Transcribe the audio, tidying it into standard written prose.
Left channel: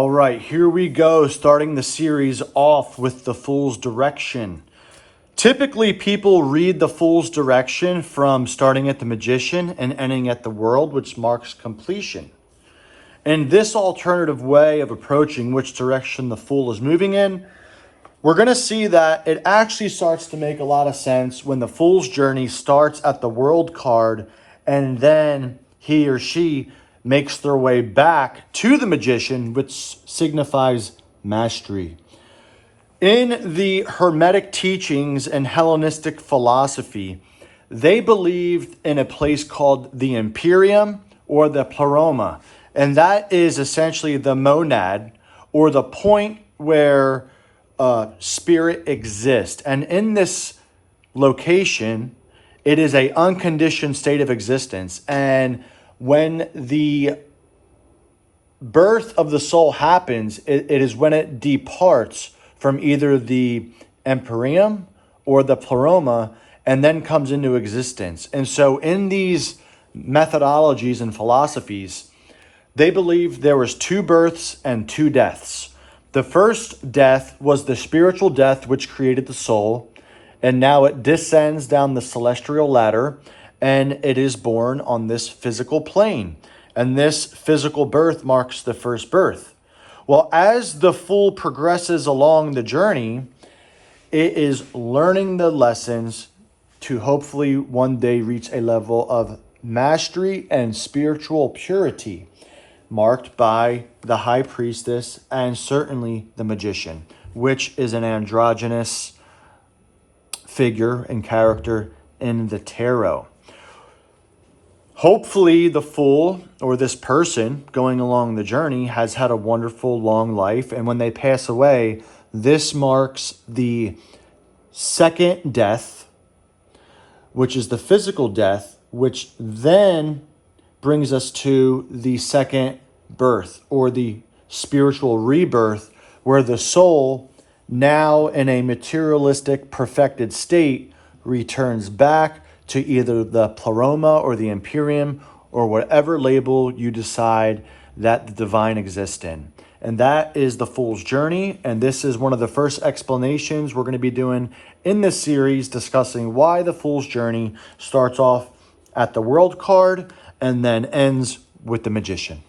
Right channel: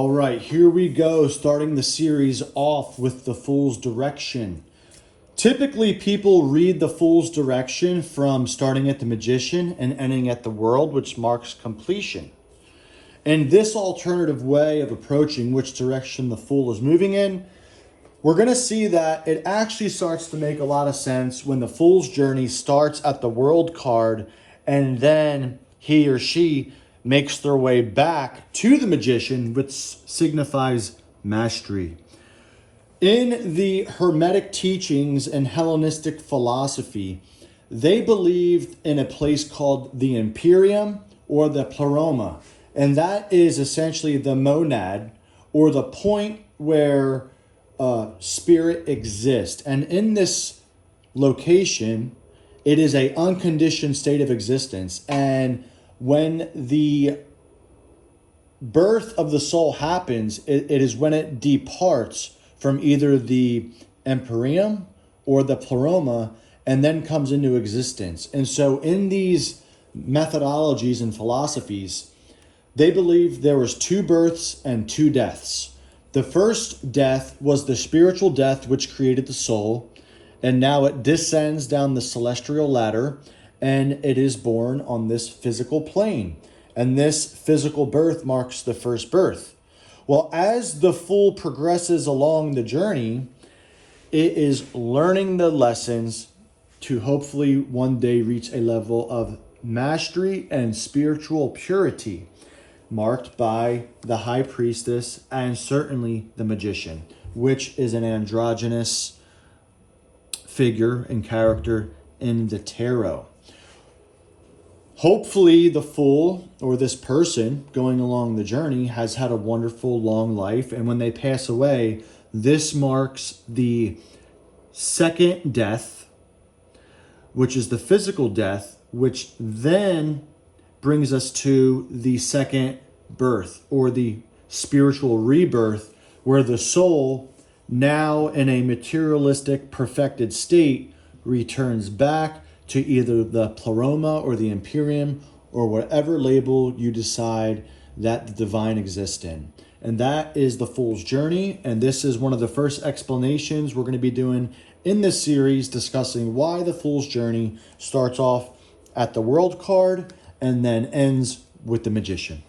All right, here we go, starting the series off with the Fool's Direction. Typically, people read the Fool's Direction from starting at the Magician and ending at the World, which marks completion. In this alternative way of approaching which direction the Fool is moving in, we're going to see that it actually starts to make a lot of sense when the Fool's journey starts at the World card and then he or she makes their way back to the Magician, which signifies mastery. In the Hermetic teachings and Hellenistic philosophy, they believed in a place called the Imperium or the Pleroma, and that is essentially the monad or the point where spirit exists. And in this location, it is an unconditioned state of existence. And when the birth of the soul happens, it is when it departs from either the Empyreum or the Pleroma and then comes into existence. And so in these methodologies and philosophies, they believed there was two births and two deaths. The first death was the spiritual death which created the soul, and now it descends down the celestial ladder and it is born on this physical plane. And this physical birth marks the first birth. Well, as the Fool progresses along the journey, it is learning the lessons to hopefully one day reach a level of mastery and spiritual purity, marked by the High Priestess and certainly the Magician, which is an androgynous figure and character in the tarot. Hopefully the Fool or this person going along the journey has had a wonderful long life. And when they pass away, this marks the second death, which is the physical death, which then brings us to the second birth or the spiritual rebirth, where the soul, now in a materialistic perfected state, returns back to either the Pleroma or the Imperium or whatever label you decide that the divine exists in. And that is the Fool's journey. And this is one of the first explanations we're going to be doing in this series, discussing why the Fool's journey starts off at the World card and then ends with the Magician.